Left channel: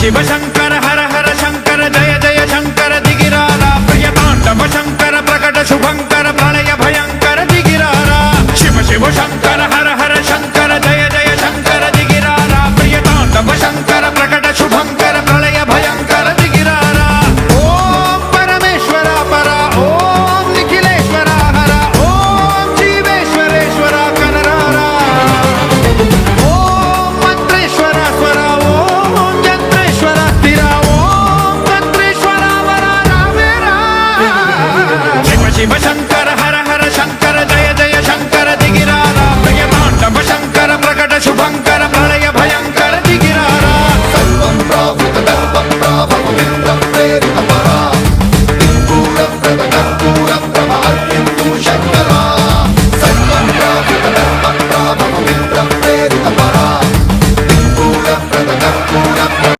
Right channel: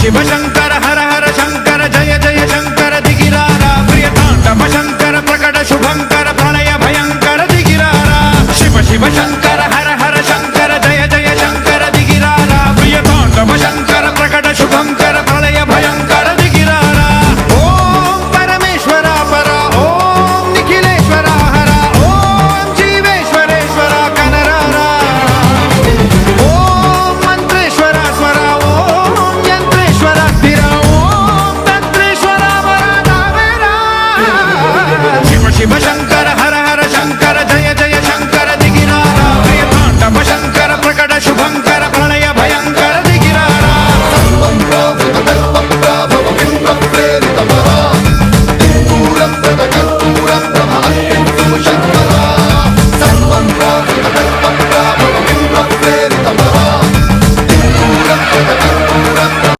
शिव शंकर हर हर शंकर जय जय शंकर दिगिरारा प्रिय तांडव शंकर प्रकट शुभंकर प्रणय भयंकर दिगिरारा शिव शिव शंकर